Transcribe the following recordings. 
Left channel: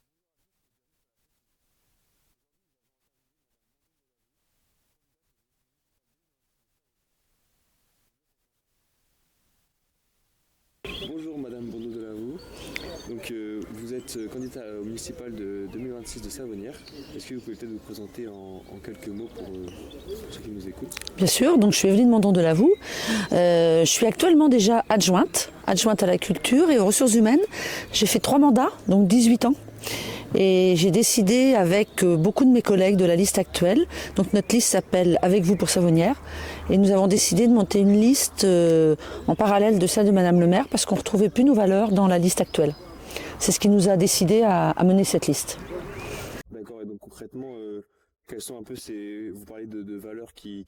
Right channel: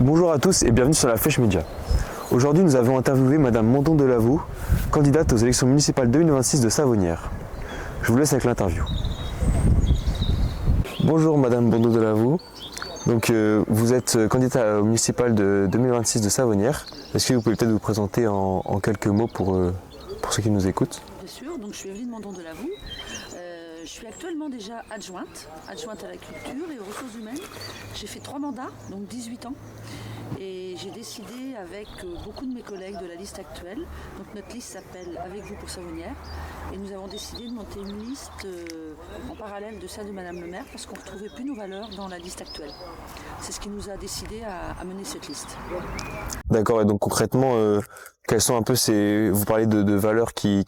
Bonjour à tous et bienvenue sur la Flèche Média. Aujourd'hui, nous avons interviewé Madame Mondon de Lavaux, candidate aux élections municipales 2026 de Savonnières. Je vous laisse avec l'interview. Bonjour Madame Mondon de Lavaux. Donc, vous êtes candidate aux municipales de 2026 de Savonnières. Est-ce que vous pouvez peut-être vous présenter en quelques mots pour ceux qui nous écoutent? Bien sûr, donc je suis Evelyne Mondon de Lavaux. Je suis actuellement déjà adjointe à la culture et aux ressources humaines. J'ai fait 3 mandats, donc 18 ans. Et j'ai décidé avec beaucoup de mes collègues de la liste actuelle, donc notre liste s'appelle Avec vous pour Savonnières, et nous avons décidé de monter une liste en parallèle de celle de Madame le maire parce qu'on ne retrouvait plus nos valeurs dans la liste actuelle. C'est ce qui nous a décidé à mener cette liste. D'accord, et donc concrètement, quelles sont un peu vous parlez de valeurs qui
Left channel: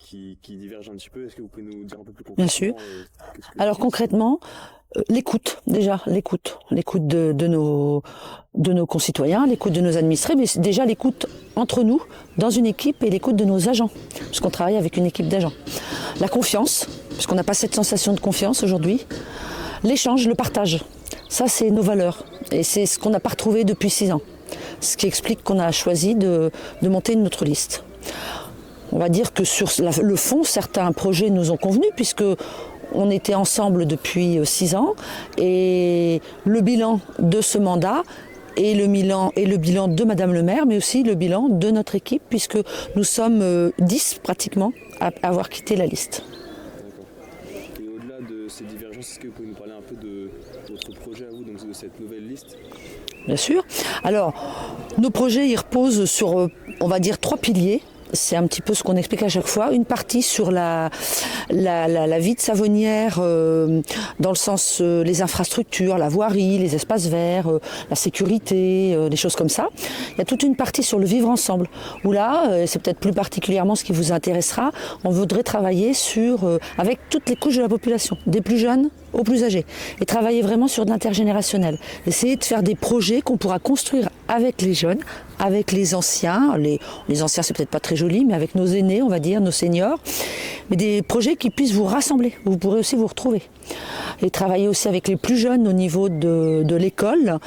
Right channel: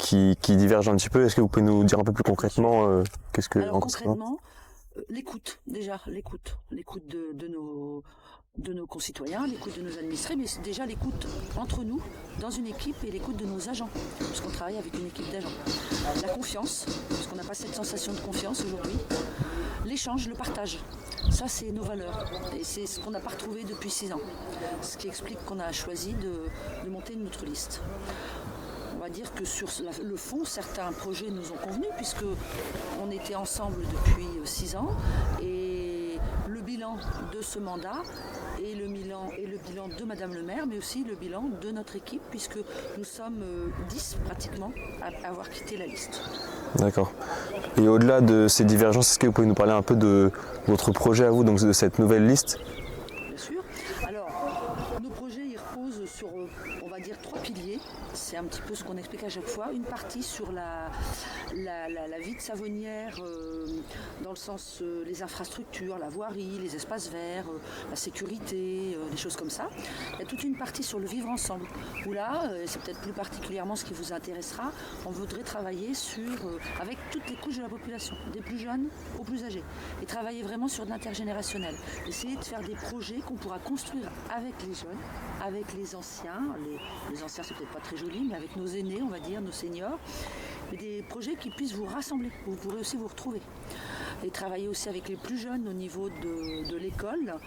divergent un petit peu, est-ce que vous pouvez nous dire un peu plus concrètement qu'est-ce que... Alors concrètement, l'écoute de nos concitoyens, l'écoute de nos administrés, mais déjà l'écoute entre nous, dans une équipe, et l'écoute de nos agents, puisqu'on travaille avec une équipe d'agents. La confiance, puisqu'on n'a pas cette sensation de confiance aujourd'hui. L'échange, le partage, ça c'est nos valeurs, et c'est ce qu'on n'a pas retrouvé depuis 6 ans. Ce qui explique qu'on a choisi de monter une autre liste. On va dire que sur le fond, certains projets nous ont convenu, puisque on était ensemble depuis 6 ans, et le bilan de ce mandat et le bilan de Madame le maire, mais aussi le bilan de notre équipe, puisque nous sommes 10 pratiquement à avoir quitté la liste. D'accord. Et au-delà de ces divergences, est-ce que vous pouvez nous parler un peu de votre projet à vous, donc de cette nouvelle liste? Bien sûr. Alors, nos projets, ils reposent sur, on va dire, 3 piliers. C'est un petit peu ce qu'on explique à chaque fois. Une partie sur la vie de Savonnières, dans le sens les infrastructures, la voirie, les espaces verts, la sécurité, des choses comme ça. Il y a toute une partie sur le vivre ensemble, où là, c'est peut-être plus particulièrement ce qui vous intéressera, on voudrait travailler avec toutes les couches de la population, des plus jeunes aux plus âgés, et travailler vraiment sur de l'intergénérationnel. Essayer de faire des projets qu'on pourra construire avec les jeunes, avec les anciens. Les anciens, c'est peut-être pas très joli, mais avec nos aînés, on va dire, nos seniors. Mais des projets qui puissent vous rassembler, où vous pourrez aussi vous retrouver. Et travailler aussi avec les plus jeunes au niveau de l'école,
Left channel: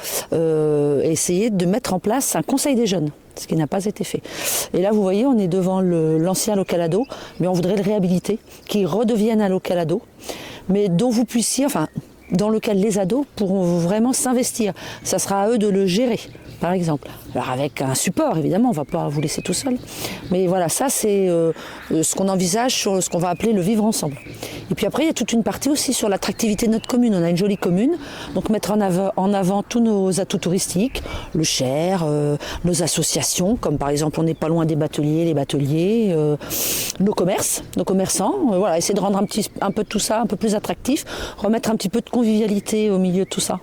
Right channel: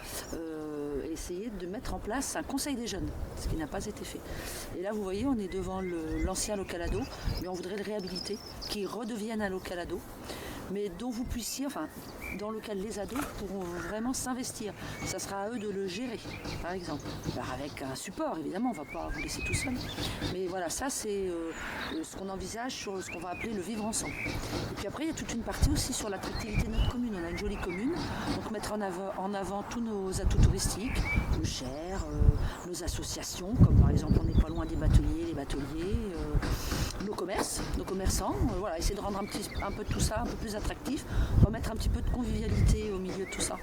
essayer de mettre en place un conseil des jeunes, ce qui n'a pas été fait. Et là, vous voyez, on est devant l'ancien local ado, mais on voudrait le réhabiliter, qu'il redevienne un local ado, mais dont vous puissiez, dans lequel les ados pourront vraiment s'investir. Ça sera à eux de le gérer, par exemple. Alors avec un support, évidemment, on ne va pas vous laisser tout seul. Mais voilà, ça c'est ce qu'on envisage sur ce qu'on va appeler le vivre ensemble. Et puis après, il y a toute une partie aussi sur l'attractivité de notre commune. On a une jolie commune, donc mettre en avant tous nos atouts touristiques, le Cher, nos associations, comme par exemple on n'est pas loin des bateliers, les bateliers, nos commerces, nos commerçants. Voilà, essayer de rendre un peu tout ça un peu plus attractif, remettre un petit peu de convivialité au milieu de tout ça.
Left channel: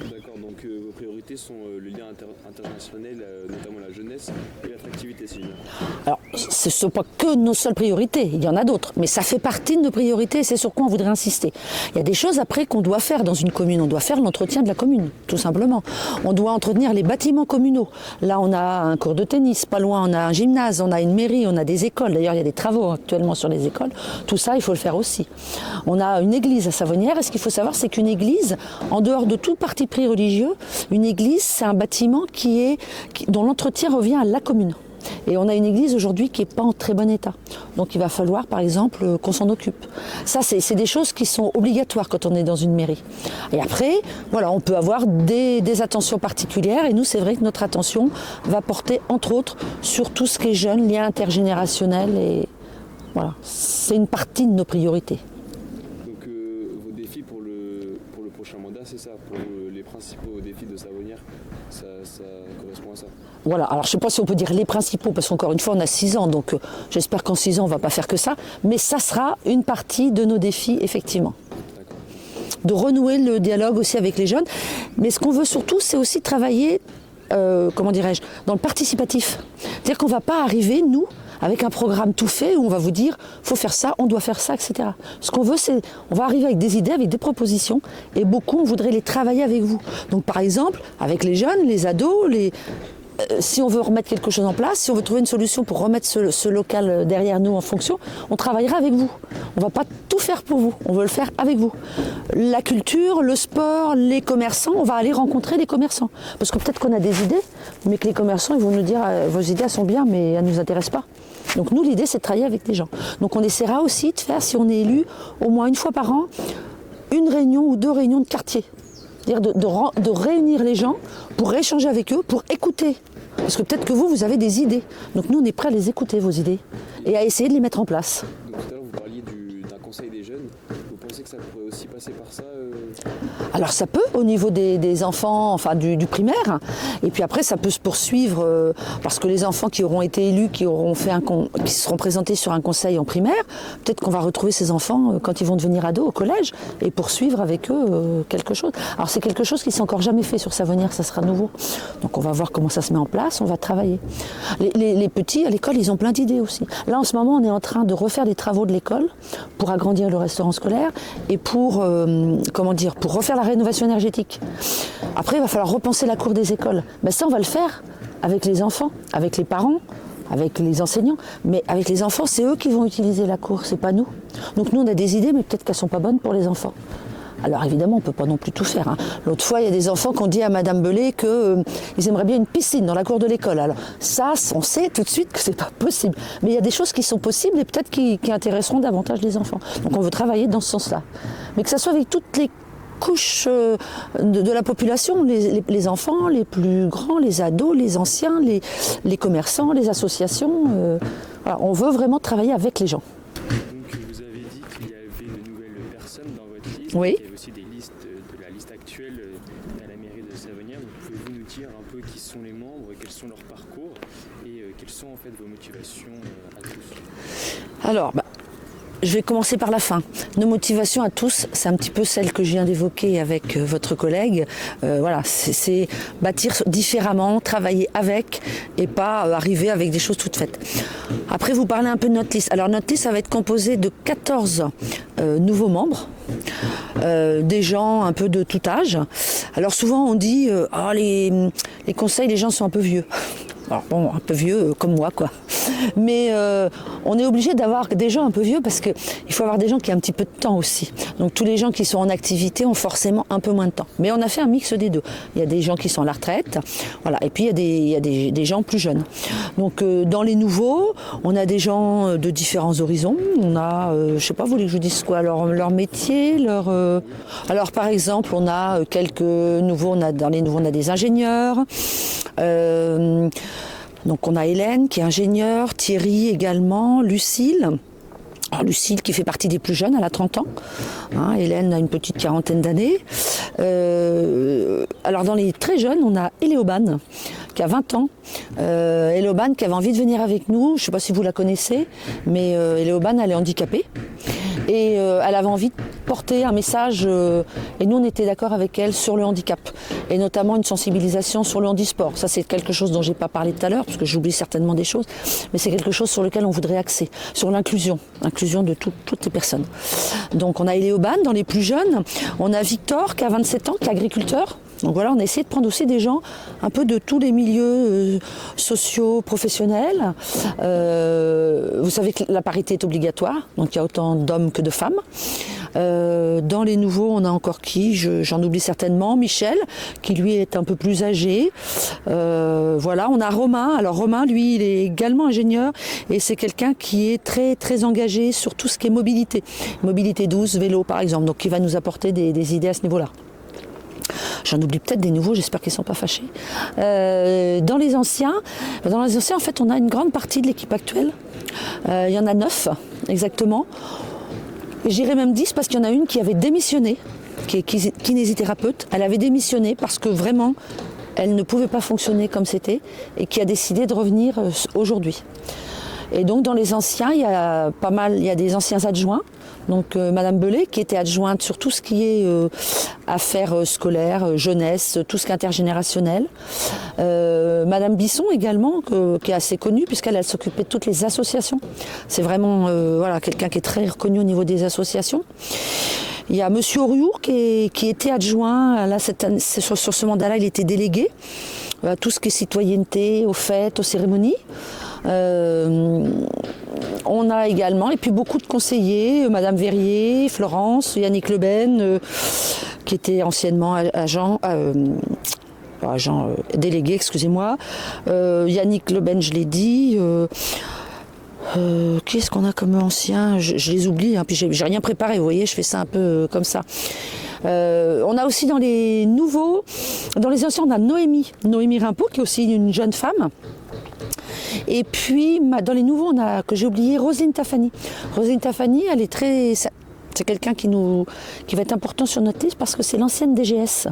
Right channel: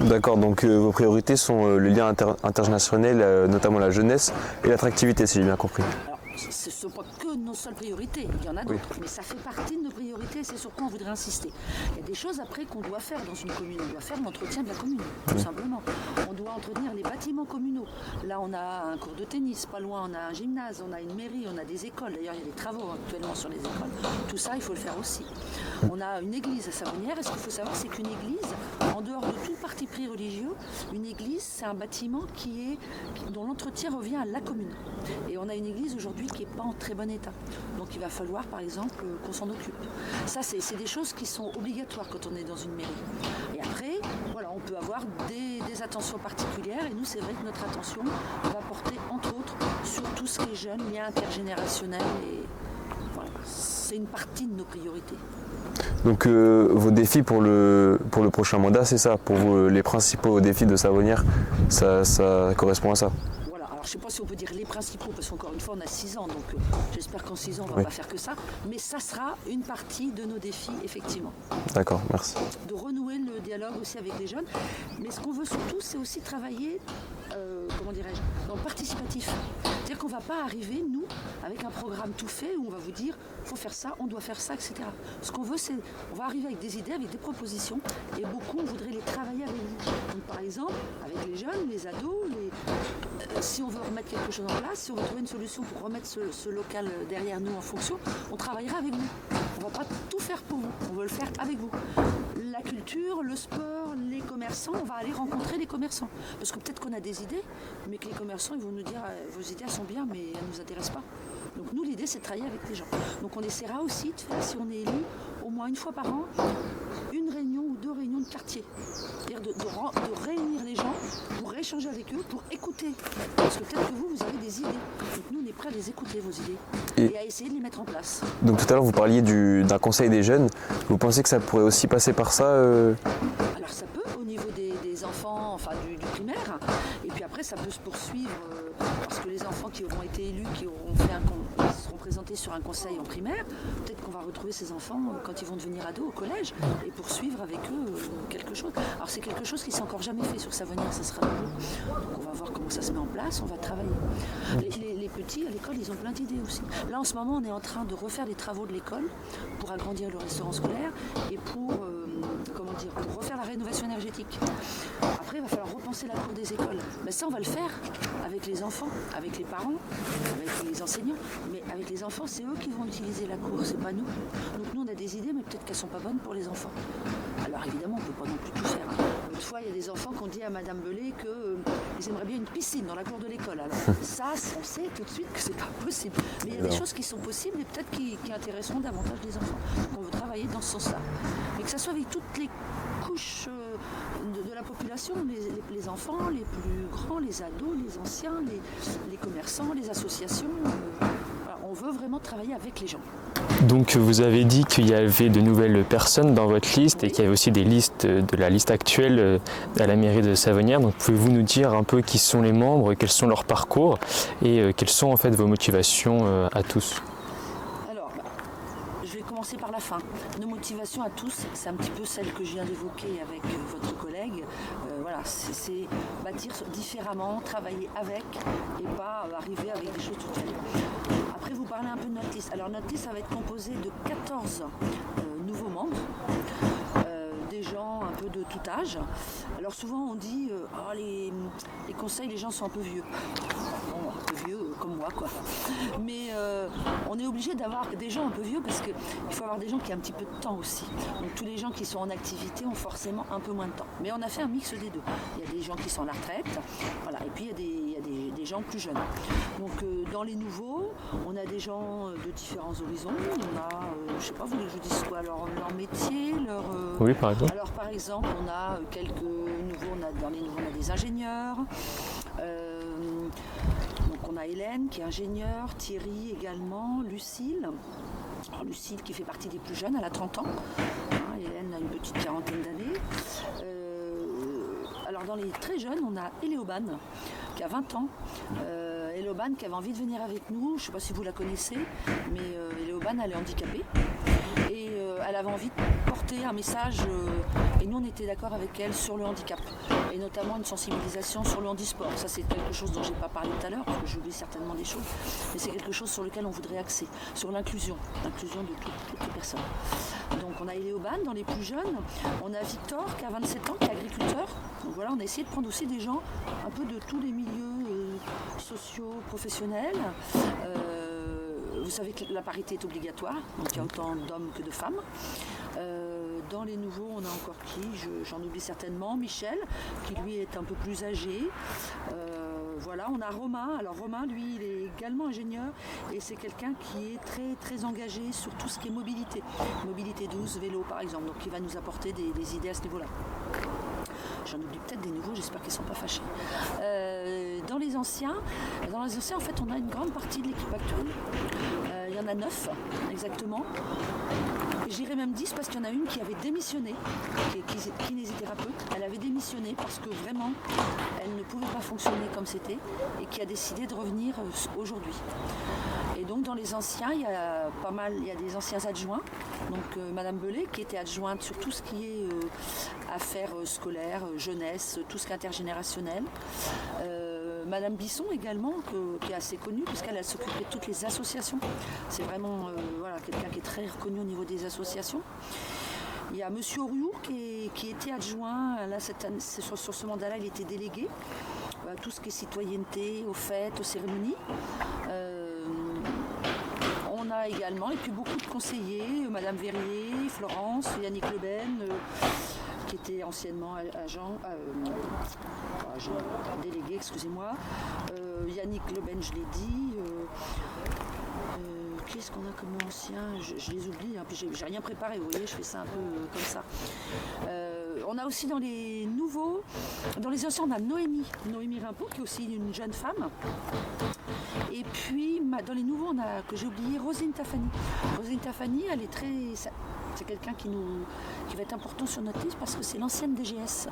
D'accord, donc vos priorités sont le lien intergénérationnel, notamment la jeunesse, et l'attractivité, si j'ai bien compris. Alors, ce ne sont pas que nos seules priorités, il y en a d'autres, mais ça fait partie de nos priorités et c'est sur quoi on voudrait insister. Il y a des choses après qu'on doit faire dans une commune, on doit faire l'entretien de la commune, tout simplement. On doit entretenir les bâtiments communaux. Là, on a un cours de tennis, pas loin, on a un gymnase, on a une mairie, on a des écoles. D'ailleurs, il y a des travaux actuellement sur les écoles. Tout ça, il faut le faire aussi. On a une église à Savonnières, et ce qu'il faut savoir, c'est qu'une église, en dehors de tout parti pris religieux, une église, c'est un bâtiment dont l'entretien revient à la commune. Et on a une église aujourd'hui qui n'est pas en très bon état. Donc il va falloir, par exemple, qu'on s'en occupe. Ça, c'est des choses qui sont obligatoires quand on est dans une mairie. Et après, voilà, on peut avoir des attentions particulières. Et nous, c'est vrai que notre attention va porter, entre autres, sur tout ce qui est jeune, lien intergénérationnel. Et voilà, c'est une partie de nos priorités. Donc vos défis pour le prochain mandat, c'est ça? Pour vous, les principaux défis de Savonnières, ça correspond à ça? Voilà, alors je ne sais pas si on peut dire les principaux, parce qu'encore une fois, on a 6 ans, donc j'espère qu'en 6 ans, on ne va pas faire que ça, mais ça sera une partie de nos défis, effectivement. D'accord, merci. De renouer le dialogue aussi avec les jeunes, mais ce qu'on veut surtout, c'est aussi travailler, dans le participatif. C'est-à-dire qu'on ne va pas arriver, nous, avec un programme tout fait où on va vous dire faut faire ça, on doit faire ça, etc. Ce qu'on veut, c'est on va arriver avec des idées, avec des propositions, et beaucoup on voudrait les travailler avec vous. Donc par exemple, avec les jeunes, les ados, si on veut remettre quelque chose en place, si on veut trouver une solution pour remettre ce local derrière nous en fonction, on travaillera avec vous. On ne va pas tout faire pour vous, on veut le faire avec vous. La culture, le sport, les commerçants, on va aller rencontrer les commerçants. Parce que peut-être qu'on a des idées, mais que les commerçants ils vont nous dire vos idées elles sont bien, mais elles ne nous intéressent pas. Donc nous, l'idée, c'est de travailler avec les gens. Donc on essaiera aussi de faire, si on est élu, au moins une fois par an, une réunion ou 2 réunions de quartier. C'est-à-dire de réunir les gens pour échanger avec eux, pour écouter. Parce que peut-être que vous avez des idées. Donc nous, on est prêts à les écouter, vos idées, et à essayer de les mettre en place. Donc tout à l'heure, vous parliez d'un conseil des jeunes. Vous pensez que ça pourrait aussi passer par ça Alors ça peut, au niveau des enfants, enfin du primaire. Et puis après, ça peut se poursuivre, parce que les enfants qui auront été élus, qui seront présentés sur un conseil en primaire, peut-être qu'on va retrouver ces enfants quand ils vont devenir ados au collège, et poursuivre avec eux quelque chose. Alors c'est quelque chose qui ne s'est encore jamais fait sur Savonnières, ça sera nouveau. Donc on va voir comment ça se met en place, on va travailler. Les petits à l'école, ils ont plein d'idées aussi. Là en ce moment, on est en train de refaire les travaux de l'école pour agrandir le restaurant scolaire et pour refaire la rénovation énergétique. Après, il va falloir repenser la cour des écoles. Mais ça, on va le faire avec les enfants, avec les parents, avec les enseignants. Mais avec les enfants, c'est eux qui vont utiliser la cour, c'est pas nous. Donc nous, on a des idées, mais peut-être qu'elles sont pas bonnes pour les enfants. Alors évidemment, on ne peut pas non plus tout faire. L'autre fois, il y a des enfants qui ont dit à Madame Belay qu'ils aimeraient bien une piscine dans la cour de l'école. Alors ça, on sait tout de suite que c'est pas possible. Mais il y a des choses qui sont possibles et peut-être qui intéresseront davantage les enfants. Donc on veut travailler dans ce sens-là. Mais que ça soit avec toutes les couches de la population, les enfants, les plus grands, les ados, les anciens, les commerçants, les associations. Voilà, on veut vraiment travailler avec les gens. Donc vous avez dit qu'il y avait de nouvelles personnes dans votre liste, oui, et qu'il y avait aussi des listes de la liste actuelle à la mairie de Savonnières. Donc pouvez-vous nous dire un peu qui sont les membres, quels sont leurs parcours et quelles sont en fait vos motivations à tous? Alors, je vais commencer par la fin. Nos motivations à tous, c'est un petit peu celle que je viens d'évoquer avec votre collègue. Voilà, c'est bâtir différemment, travailler avec et pas arriver avec des choses toutes faites. Après, vous parlez un peu de notre liste. Alors notre liste, ça va être composée de 14 nouveaux membres. Des gens un peu de tout âge. Alors souvent on dit les conseils, les gens sont un peu vieux. Alors bon, un peu vieux comme moi quoi. Mais on est obligé d'avoir des gens un peu vieux parce qu'il faut avoir des gens qui ont un petit peu de temps aussi. Donc tous les gens qui sont en activité ont forcément un peu moins de temps. Mais on a fait un mix des deux. Il y a des gens qui sont à la retraite, voilà, et puis il y a des gens plus jeunes. Donc dans les nouveaux, on a des gens de différents horizons. On a, je sais pas, vous voulez que je dise quoi, leur métier, leur. Oui, par exemple. Alors par exemple, on a quelques nouveaux. Dans les nouveaux, on a des ingénieurs. Donc on a Hélène qui est ingénieure, Thierry également, Lucille. Alors Lucille qui fait partie des plus jeunes, elle a 30 ans. Hélène a une petite quarantaine d'années. Alors dans les très jeunes, on a Éléobane qui a 20 ans. Éléobane qui avait envie de venir avec nous. Je ne sais pas si vous la connaissez, mais Éléobane, elle est handicapée. Et elle avait envie de porter un message, et nous on était d'accord avec elle sur le handicap, et notamment une sensibilisation sur le handisport. Ça c'est quelque chose dont je n'ai pas parlé tout à l'heure, parce que j'oublie certainement des choses, mais c'est quelque chose sur lequel on voudrait axer, sur l'inclusion de toutes les personnes. Donc on a Éléobane dans les plus jeunes, on a Victor qui a 27 ans, qui est agriculteur. Donc voilà, on a essayé de prendre aussi des gens un peu de tous les milieux sociaux, professionnels. Vous savez que la parité est obligatoire, donc il y a autant d'hommes que de femmes. Dans les nouveaux, on a encore qui? J'en oublie certainement. Michel, qui lui est un peu plus âgé. Voilà, on a Romain. Alors Romain, lui, il est également ingénieur et c'est quelqu'un qui est très, très engagé sur tout ce qui est mobilité. Mobilité douce, vélo par exemple, donc qui va nous apporter des idées à ce niveau-là. J'en oublie peut-être des nouveaux, j'espère qu'ils ne sont pas fâchés. Dans les anciens, en fait, on a une grande partie de l'équipe actuelle. Il y en a 9, exactement. J'irais même 10 parce qu'il y en a une qui avait démissionné, qui est kinésithérapeute. Elle avait démissionné parce que vraiment, elle ne pouvait pas fonctionner comme c'était et qui a décidé de revenir aujourd'hui. Et donc dans les anciens, il y a des anciens adjoints. Donc Madame Belay qui était adjointe sur tout ce qui est affaires scolaires, jeunesse, tout ce qui est intergénérationnel. Madame Bisson également, qui est assez connue puisqu'elle s'occupait de toutes les associations. C'est vraiment quelqu'un qui est très reconnu au niveau des associations. Il y a Monsieur Oriour qui était adjoint, là, cette année, sur ce mandat-là, il était délégué. tout ce qui est citoyenneté, aux fêtes, aux cérémonies. On a également, et puis beaucoup de conseillers, Madame Verrier, Florence, Yannick Leben, qui était anciennement agent délégué, excusez-moi. Yannick Leben, je l'ai dit. Qui est-ce qu'on a comme ancien? Je les oublie, hein, puis j'ai rien préparé, vous voyez, je fais ça un peu comme ça. On a aussi dans les nouveaux, dans les anciens, on a Noémie Rimbaud, qui est aussi une jeune femme. Et puis dans les nouveaux, on a, que j'ai oublié, Roselyne Tafani. Roselyne Tafani, elle est très... C'est quelqu'un qui va être important sur notre liste parce que c'est l'ancienne DGS.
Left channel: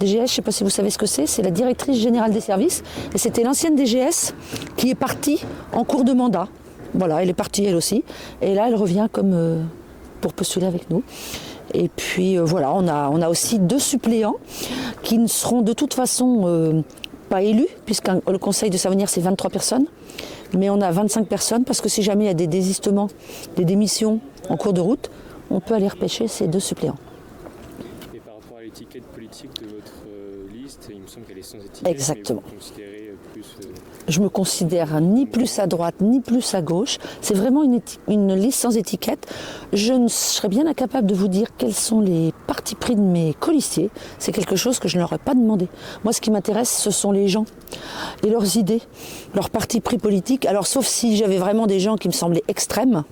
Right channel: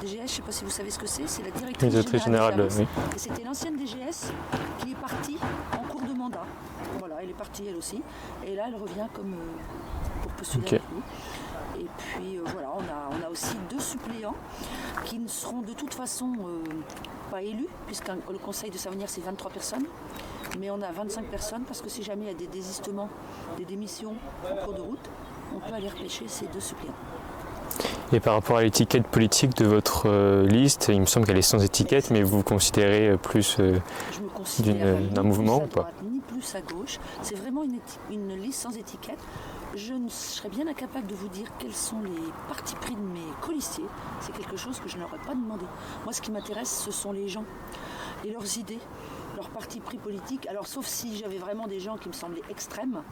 DGS, je ne sais pas si vous savez ce que c'est la directrice générale des services. Oui. Et c'était l'ancienne DGS qui est partie en cours de mandat. Voilà, elle est partie elle aussi. Et là, elle revient comme pour postuler avec nous. Et puis voilà, on a aussi 2 suppléants qui ne seront de toute façon pas élus, puisque le conseil de Savonnières, c'est 23 personnes. Mais on a 25 personnes parce que si jamais il y a des désistements, des démissions en cours de route, on peut aller repêcher ces 2 suppléants. Et par rapport à l'étiquette politique de votre liste, il me semble qu'elle est sans étiquette, exactement. Mais vous considérez plus... Je me considère ni plus à droite, ni plus à gauche. C'est vraiment une liste sans étiquette. Je serais bien incapable de vous dire quels sont les partis pris de mes colistiers. C'est quelque chose que je ne leur ai pas demandé. Moi, ce qui m'intéresse, ce sont les gens et leurs idées, leurs partis pris politiques. Alors, sauf si j'avais vraiment des gens qui me semblaient extrêmes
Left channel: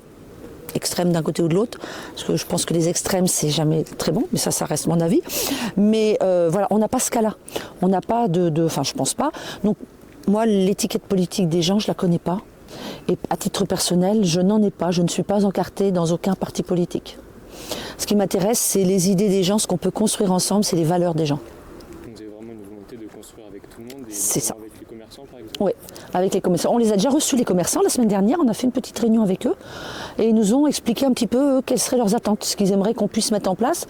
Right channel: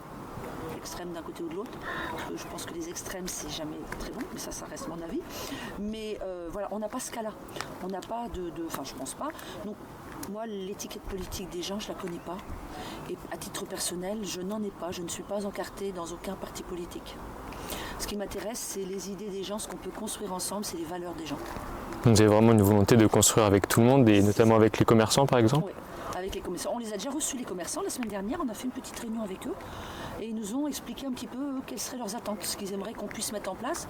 d'un côté ou de l'autre, parce que je pense que les extrêmes c'est jamais très bon, mais ça reste mon avis. Mais voilà, on n'a pas ce cas-là. On n'a pas enfin je pense pas. Donc moi l'étiquette politique des gens je la connais pas. Et à titre personnel, je n'en ai pas. Je ne suis pas encartée dans aucun parti politique. Ce qui m'intéresse, c'est les idées des gens, ce qu'on peut construire ensemble, c'est les valeurs des gens. Vous avez vraiment une volonté de construire avec tout le monde, et notamment avec les commerçants par exemple? Oui, avec les commerçants. On les a déjà reçus, les commerçants, la semaine dernière. On a fait une petite réunion avec eux et ils nous ont expliqué un petit peu quelles seraient leurs attentes, ce qu'ils aimeraient qu'on puisse mettre en place.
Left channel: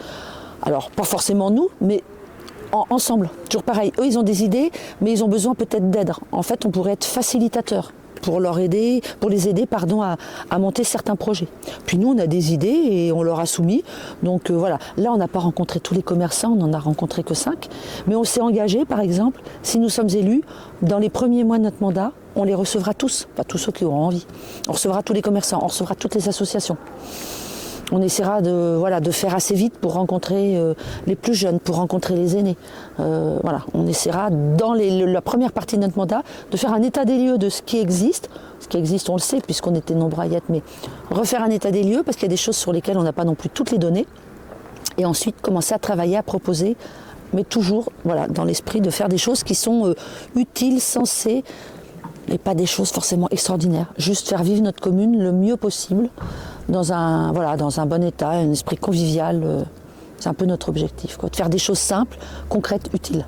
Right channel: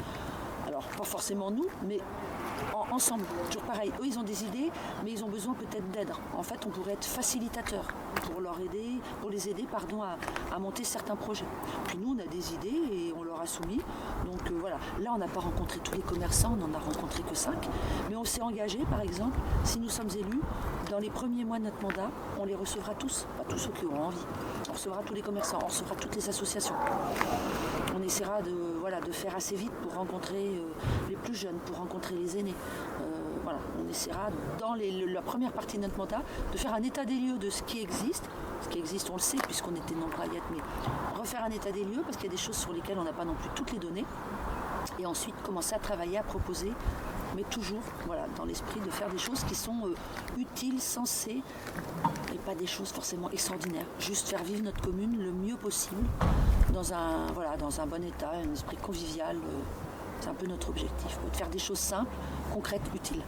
Alors, pas forcément nous, mais ensemble. Toujours pareil, eux, ils ont des idées, mais ils ont besoin peut-être d'aide. En fait, on pourrait être facilitateur pour les aider à monter certains projets. Puis nous, on a des idées et on leur a soumis. Donc voilà, là, on n'a pas rencontré tous les commerçants, on n'en a rencontré que 5. Mais on s'est engagé, par exemple, si nous sommes élus, dans les premiers mois de notre mandat, on les recevra tous, pas tous ceux qui auront envie. On recevra tous les commerçants, on recevra toutes les associations. On essaiera de faire assez vite pour rencontrer les plus jeunes, pour rencontrer les aînés. On essaiera, dans la première partie de notre mandat, de faire un état des lieux de ce qui existe. Ce qui existe, on le sait, puisqu'on était nombreux à y être, mais refaire un état des lieux, parce qu'il y a des choses sur lesquelles on n'a pas non plus toutes les données. Et ensuite, commencer à travailler, à proposer, mais toujours dans l'esprit de faire des choses qui sont utiles, sensées, et pas des choses forcément extraordinaires. Juste faire vivre notre commune le mieux possible, dans un bon état, un esprit convivial. C'est un peu notre objectif, de faire des choses simples, concrètes, utiles.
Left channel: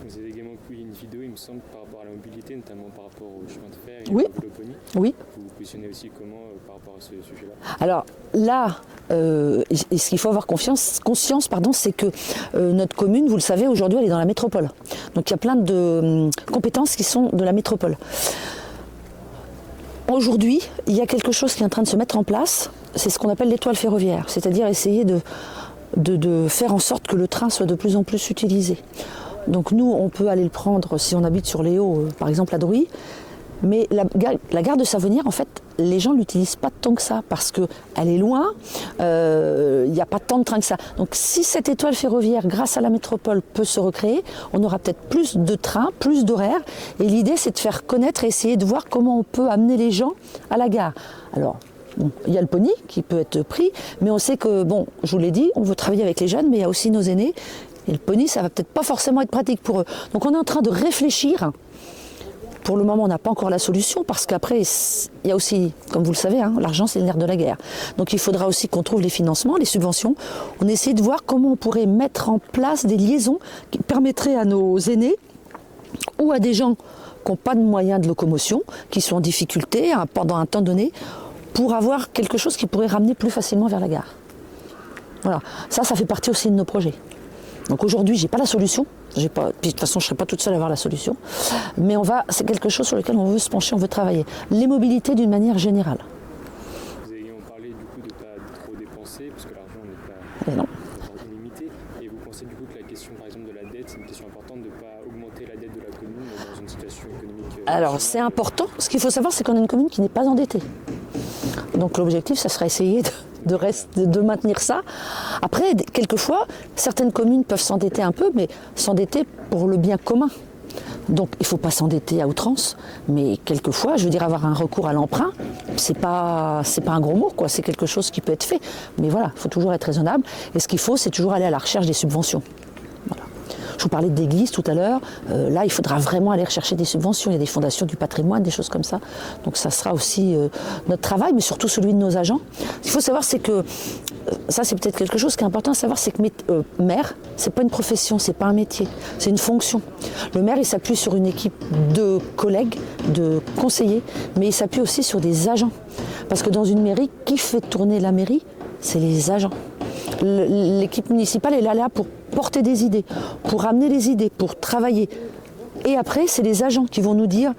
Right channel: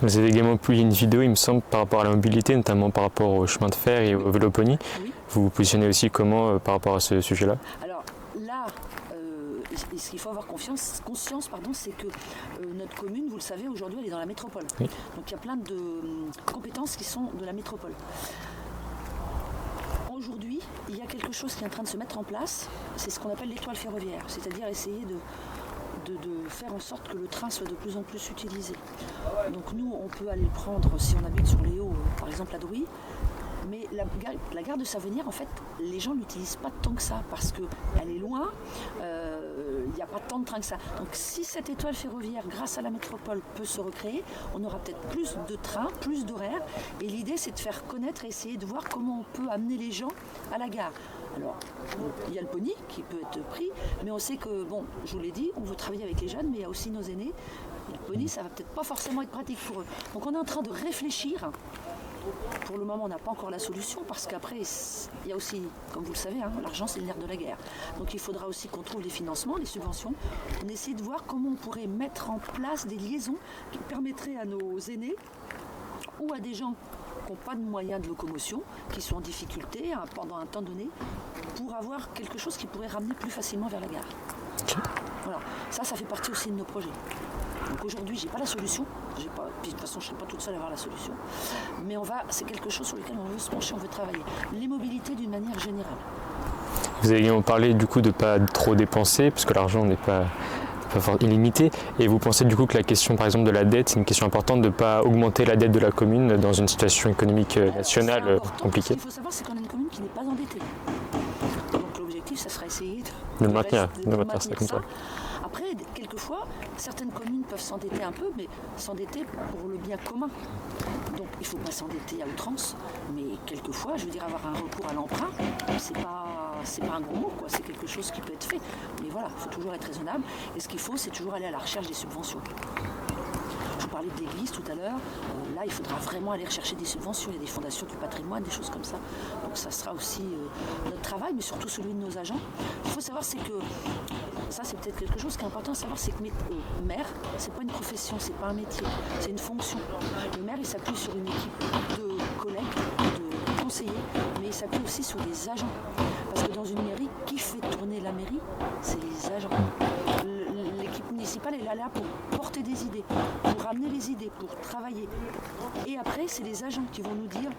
Vous avez également publié une vidéo, il me semble, par rapport à la mobilité, notamment par rapport au chemin de fer et au vélo pony. Oui. Vous vous positionnez aussi comment par rapport à ce sujet-là? Alors là, ce qu'il faut avoir conscience, c'est que notre commune, vous le savez, aujourd'hui, elle est dans la métropole. Oui. Donc il y a plein de compétences qui sont de la métropole. Aujourd'hui, il y a quelque chose qui est en train de se mettre en place, c'est ce qu'on appelle l'étoile ferroviaire, c'est-à-dire essayer de faire en sorte que le train soit de plus en plus utilisé. Donc nous, on peut aller le prendre si on habite sur les Hauts, par exemple à Drouy, mais la gare de Savonnières, en fait, les gens ne l'utilisent pas tant que ça, parce qu'elle est loin, il n'y a pas tant de trains que ça. Donc si cette étoile ferroviaire, grâce à la métropole, peut se recréer, on aura peut-être plus de trains, plus d'horaires, et l'idée c'est de faire connaître et essayer de voir comment on peut amener les gens à la gare. Alors, il y a le pony qui peut être pris, mais on sait que, je vous l'ai dit, on veut travailler avec les jeunes, mais il y a aussi nos aînés, et le pony, ça va peut-être pas forcément être pratique pour eux. Donc on est en train de réfléchir. Pour le moment, on n'a pas encore la solution, parce qu'après, il y a aussi, comme vous le savez, l'argent c'est le nerf de la guerre. Donc il faudra aussi qu'on trouve les financements, les subventions. On essaie de voir comment on pourrait mettre en place des liaisons qui permettraient à nos aînés ou à des gens qui n'ont pas de moyens de locomotion, qui sont en difficulté pendant un temps donné, pour avoir quelque chose qui pourrait ramener plus facilement vers la gare. Voilà, ça fait partie aussi de nos projets. Donc aujourd'hui, j'ai pas la solution. Puis de toute façon, je ne serai pas toute seule à avoir la solution. Mais c'est quelque chose sur lequel on veut se pencher, on veut travailler. Les mobilités d'une manière générale. Vous avez également parlé du coup de ne pas trop dépenser, puisque l'argent n'est pas illimité. Et vous pensez du coup que la question par exemple de la dette, c'est une question importante de ne pas augmenter la dette de la commune dans une situation économique nationale c'est important. compliquée. Ce qu'il faut savoir, c'est qu'on a une commune qui n'est pas endettée. Donc l'objectif, ça sera essayer de maintenir ça. Après, quelquefois, certaines communes peuvent s'endetter un peu, mais s'endetter pour le bien commun. Donc il ne faut pas s'endetter à outrance, mais quelquefois, je veux dire, avoir un recours à l'emprunt, c'est pas un gros mot, quoi. C'est quelque chose qui peut être fait. Mais voilà, il faut toujours être raisonnable. Et ce qu'il faut, c'est toujours aller à la recherche des subventions. Je vous parlais d'église tout à l'heure. Là, il faudra vraiment aller rechercher des subventions. Il y a des fondations du patrimoine, des choses comme ça. Donc ça sera aussi notre travail, mais surtout celui de nos agents. Ce qu'il faut savoir, c'est que ça, c'est peut-être quelque chose qui est important à savoir, c'est que maire, c'est pas une profession, c'est pas un métier, c'est une fonction. Le maire, il s'appuie sur une équipe de collègues, de conseillers, mais il s'appuie aussi sur des agents. Parce que dans une mairie, qui fait tourner la mairie? C'est les agents. L'équipe municipale, elle est là pour porter des idées, pour amener les idées, pour travailler. Et après, c'est les agents qui vont nous dire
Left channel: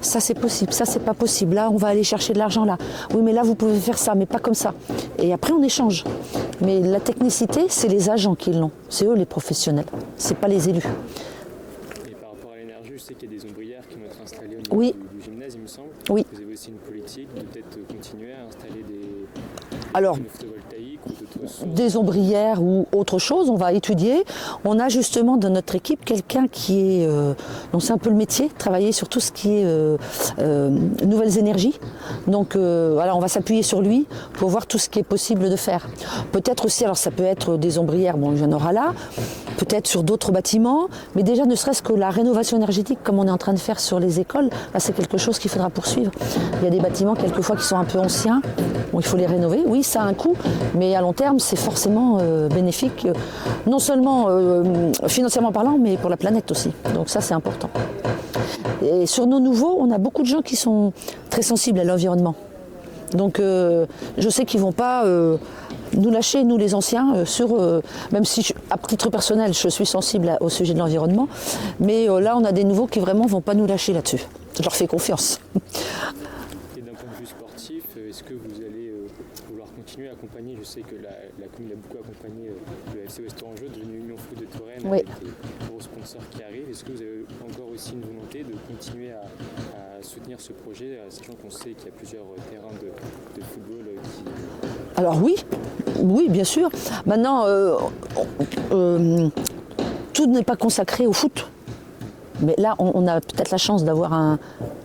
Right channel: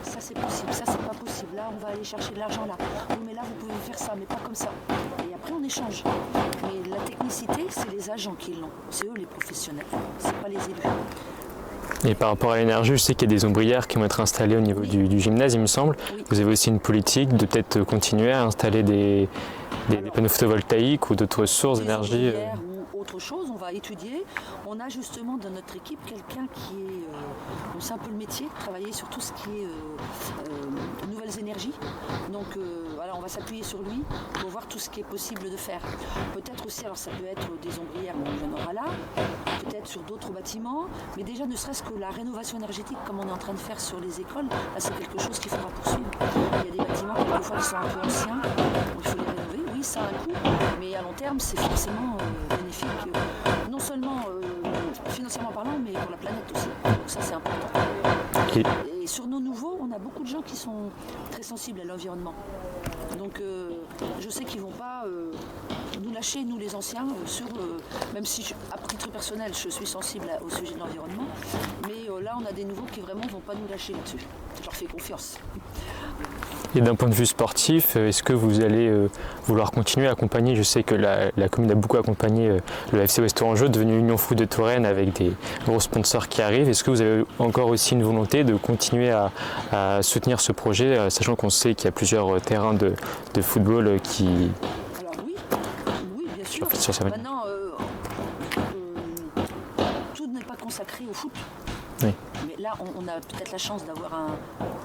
ça c'est possible, ça c'est pas possible, là on va aller chercher de l'argent là. Oui mais là vous pouvez faire ça, mais pas comme ça. Et après on échange. Mais la technicité, c'est les agents qui l'ont. C'est eux les professionnels, c'est pas les élus. Et par rapport à l'énergie, je sais qu'il y a des ombrières qui vont être installées au niveau du gymnase, il me semble. Oui. Vous avez aussi une politique de peut-être continuer à installer des panneaux photovoltaïques ou d'autres sources d'énergie. Des ombrières ou autre chose, on va étudier. On a justement dans notre équipe quelqu'un qui est, donc c'est un peu le métier, travailler sur tout ce qui est nouvelles énergies. Donc voilà, on va s'appuyer sur lui pour voir tout ce qui est possible de faire. Peut-être aussi, alors ça peut être des ombrières, bon il y en aura là, peut-être sur d'autres bâtiments, mais déjà ne serait-ce que la rénovation énergétique comme on est en train de faire sur les écoles, là c'est quelque chose qu'il faudra poursuivre. Il y a des bâtiments quelquefois qui sont un peu anciens, bon, il faut les rénover, oui ça a un coût, mais à long terme c'est forcément bénéfique, non seulement financièrement parlant, mais pour la planète aussi, donc ça c'est important. Et sur nos nouveaux, on a beaucoup de gens qui sont très sensibles à l'environnement, donc je sais qu'ils ne vont pas nous lâcher, nous les anciens, même si à titre personnel je suis sensible au sujet de l'environnement, mais là on a des nouveaux qui vraiment ne vont pas nous lâcher là-dessus. Je leur fais confiance. Et d'un point de vue sportif, est-ce que vous allez vouloir continuer à accompagner? Je sais que la commune a beaucoup accompagné le FC Ouest-Tourangeau, devenu Union Foot de Touraine, avec des gros sponsors qui arrivent. Est-ce que vous avez encore aussi une volonté de continuer à soutenir ce projet, sachant qu'on sait qu'il y a plusieurs terrains de football qui... Alors oui, bien sûr. Maintenant, tout n'est pas consacré au foot. Oui. Mais là, on a peut-être la chance d'avoir un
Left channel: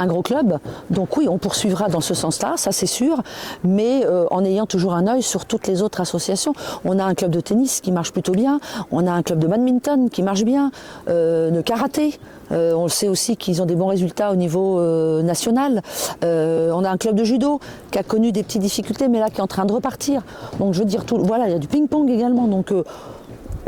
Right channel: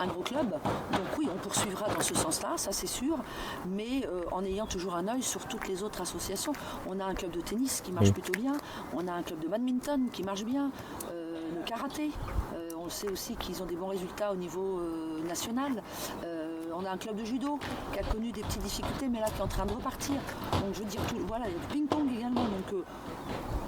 gros club. Donc oui, on poursuivra dans ce sens-là, ça c'est sûr. Mais en ayant toujours un œil sur toutes les autres associations. On a un club de tennis qui marche plutôt bien. On a un club de badminton qui marche bien. De karaté. On le sait aussi qu'ils ont des bons résultats au niveau national. On a un club de judo qui a connu des petites difficultés, mais là qui est en train de repartir. Donc je veux dire, voilà, il y a du ping-pong également. Donc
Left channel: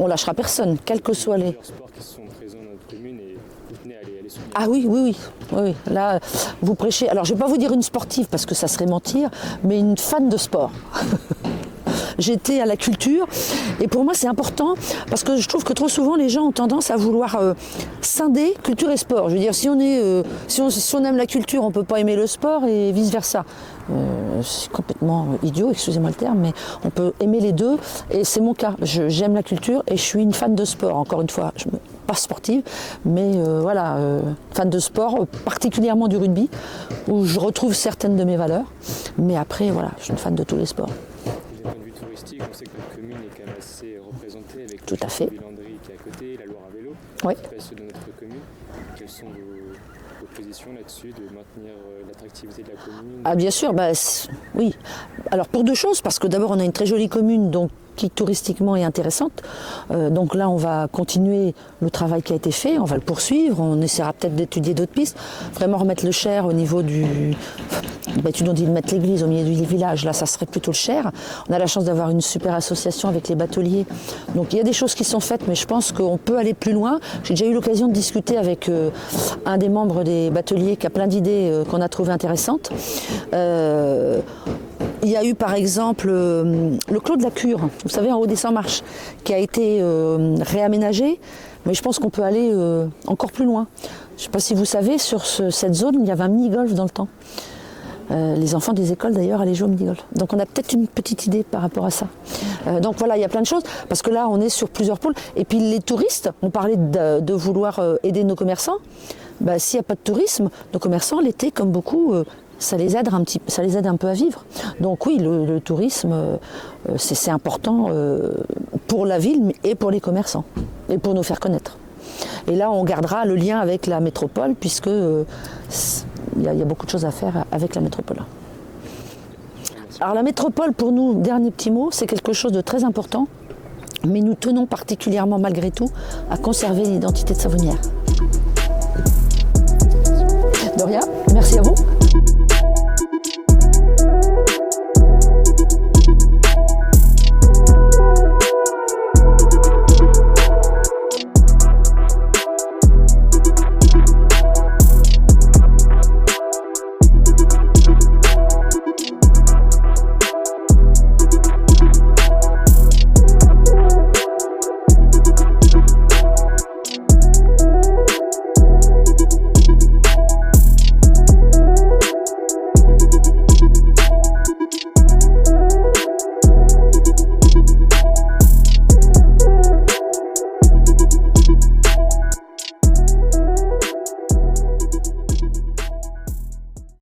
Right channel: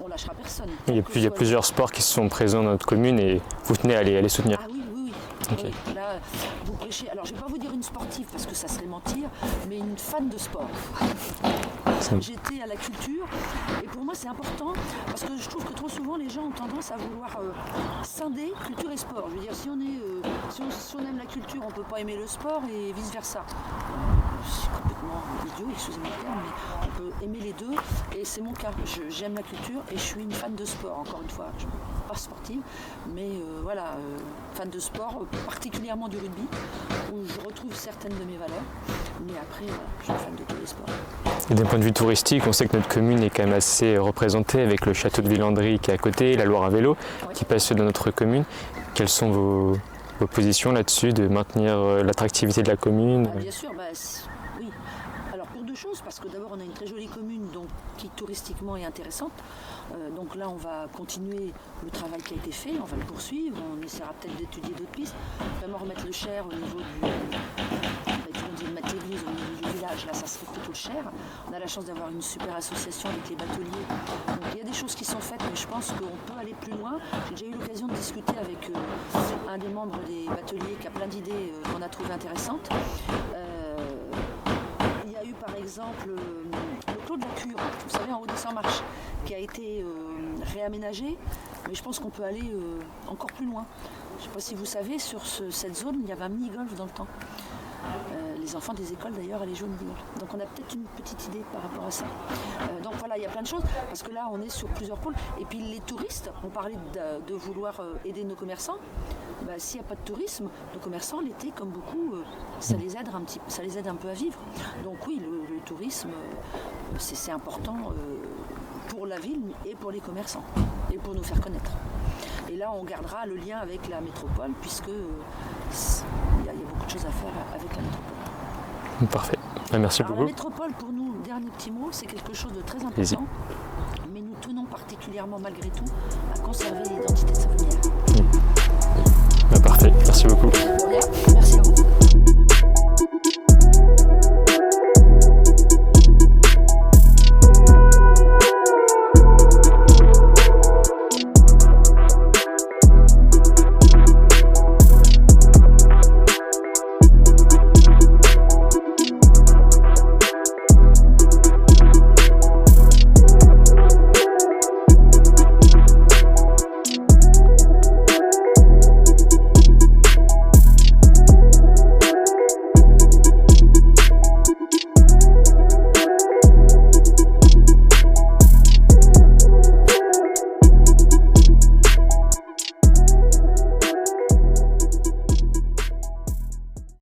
on lâchera personne, quel que soit. Il y a plusieurs sports qui sont présents dans notre commune et vous tenez à les soutenir. Ah oui. Okay. Oui. Là, vous prêchez. Alors, je ne vais pas vous dire une sportive parce que ça serait mentir, mais une fan de sport. J'étais à la culture et pour moi c'est important parce que je trouve que trop souvent les gens ont tendance à vouloir scinder culture et sport. Je veux dire, si on aime la culture, on ne peut pas aimer le sport et vice versa. C'est complètement idiot, excusez-moi le terme, mais on peut aimer les deux et c'est mon cas. J'aime la culture et je suis une fan de sport. Encore une fois, pas sportive, mais voilà, fan de sport, particulièrement du rugby, où je retrouve certaines de mes valeurs. Mais après, voilà, je suis fan de tous les sports. Et d'un point de vue touristique, on sait que notre commune est quand même assez représentée avec le château de Villandry qui est à côté, la Loire à vélo qui passe dans notre commune. Quelles sont vos positions là-dessus, de maintenir l'attractivité de la commune? Ah bien sûr, oui. Alors pour deux choses, parce que d'abord on a une très jolie commune donc, qui touristiquement est intéressante. Donc là on va continuer le travail qui a été fait, on va le poursuivre, on essaiera peut-être d'étudier d'autres pistes, vraiment remettre le Cher au niveau du... tu nous dis de mettre l'église au milieu du village, là ça serait plutôt le Cher. On a la chance d'avoir une super association avec les bateliers. Donc il y a des choses qui sont faites, mais je pense qu'on peut aller plus loin. J'ai déjà eu l'occasion de discuter avec un des membres des bateliers qui a plein d'idées qu'on a trouvées intéressantes. Il y a eu par exemple le Clos de la Cure, vous savez, en haut des 100 marches, qui a été réaménagé, mais je pense qu'on peut aller encore plus loin. Je ne sais pas si vous savez, sur cette zone, il y avait un mini-golf dans le temps. Les enfants des écoles d'ailleurs allaient jouer au mini-golf. Donc on a peut-être une petite idée par rapport à ça. Donc voilà, il y a plein de choses, parce que là on est sur plusieurs pôles. Et puis les touristes, on parlait de vouloir aider nos commerçants. S'il n'y a pas de tourisme, nos commerçants l'été, comme beaucoup, ça les aide un peu à vivre. Donc oui, le tourisme, c'est important pour la ville et pour les commerçants, et pour nous faire connaître. Et là, on gardera le lien avec la métropole, puisque il y a beaucoup de choses à faire avec la métropole. Parfait. Merci Alors beaucoup. la métropole, pour nous, dernier petit mot, c'est quelque chose de très important. Mais nous tenons particulièrement, malgré tout, à conserver l'identité de Savonnières.